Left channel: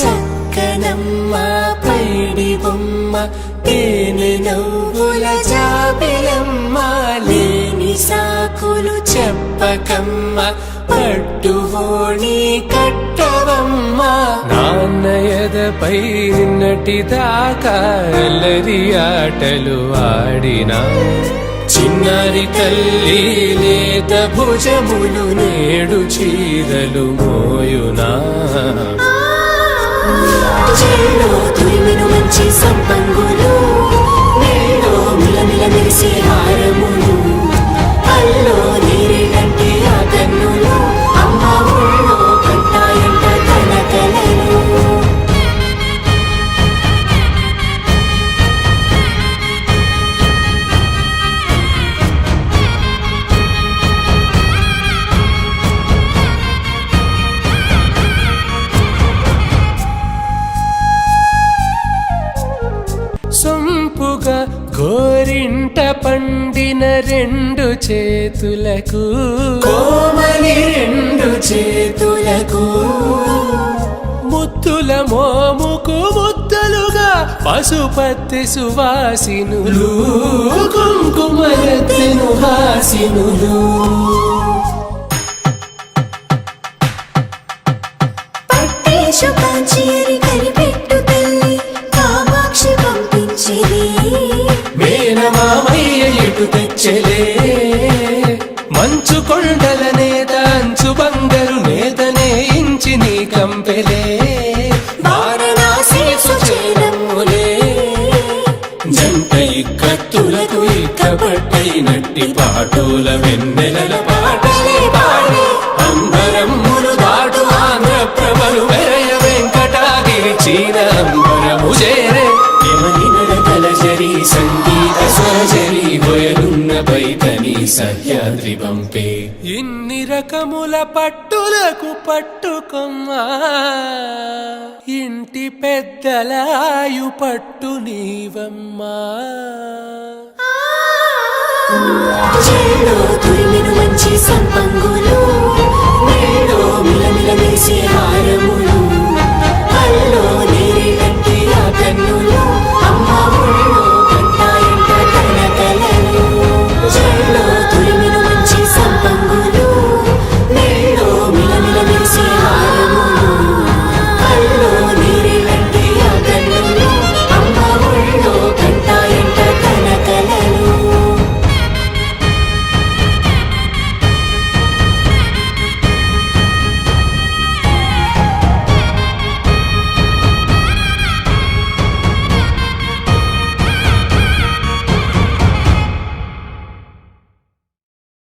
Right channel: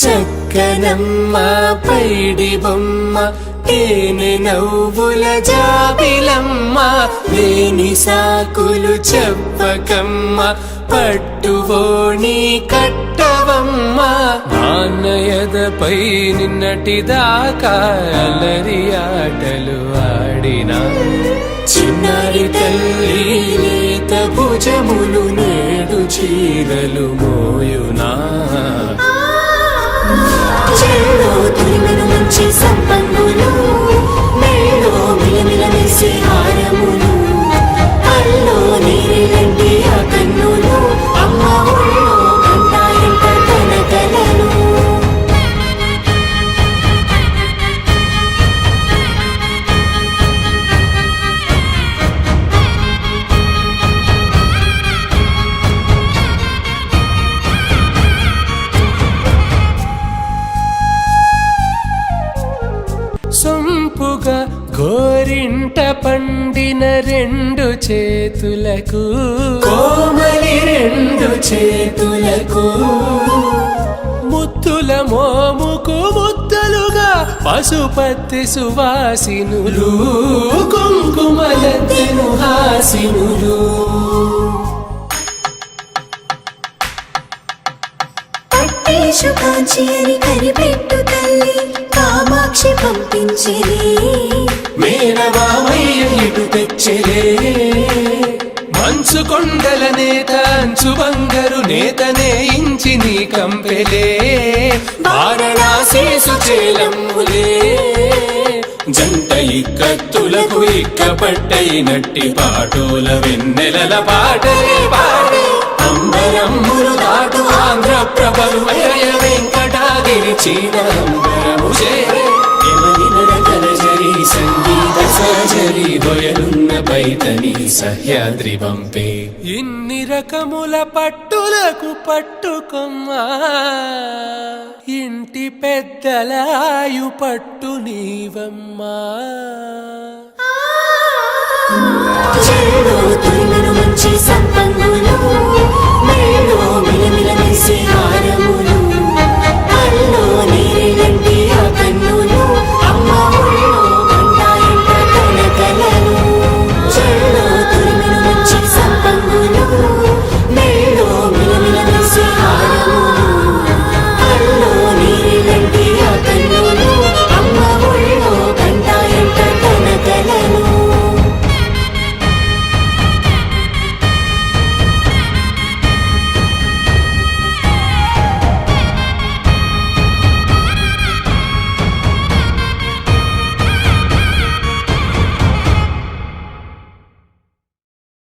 చక్కనమ్మ పైడి బొమ్మ తేనె నవ్వుల జాబిలమ్మ లేని సాకులు చెప్పకమ్మ పట్టువోణి కట్టవమ్మ నాన్నయదపై నిన్నటిదాకా అల్లరి ఆటలు ఆడినా చిన్నారి తల్లి లేత భుజములు నేడు చీరలు మోయునా చెల్లో తురిమిన మంచి సంపంగులు మెల్లో మిలమిల మెరిసే హారములు అల్లో నీరెలంటే ఆ కన్నులు అమ్మ ఒళ్ళో కంటాయంట కలకలను సొంపుగా గోరింట పండిన రెండు చేతులకు కోమలి రెండు చేతులకు ముత్తుల మోముకు ముద్దలుగా పశుపతి సువాసినులు కుంకుమలెత్తెను హాసినులు పట్టేశు కాంచి అని కనిపెట్టు తల్లి కామాక్షి పంపించేది మేనమామయ్య ఎటు తెచ్చలే మంచు కొండల నేత అంచు బంగారు నేతనే ఇంచి నీ కంపెలే వారణాసి సుచేలమ్ములే జంట ఇక్కత్తులకు ఇక్కపట్టయినట్టి పాటోల వెన్నెలల పాటలే పాడే అంబరమ్ములు దాటు ఆంధ్ర ప్రభలు వేయ వెంకటాగిరి చీన అంబరము చేరే యమని నడకల జరి సంగీత సరజరి బొయలున్న పైతని సహ్యాద్రి పంపే ఇన్ని రకముల పట్టులకు పట్టుకొమ్మా ఇంటి పెద్దలాయు పట్టు నీవమ్మా చెల్లో తురిమిన మంచి సంపంగులు మెల్లో మిలమిల మెరిసే హారము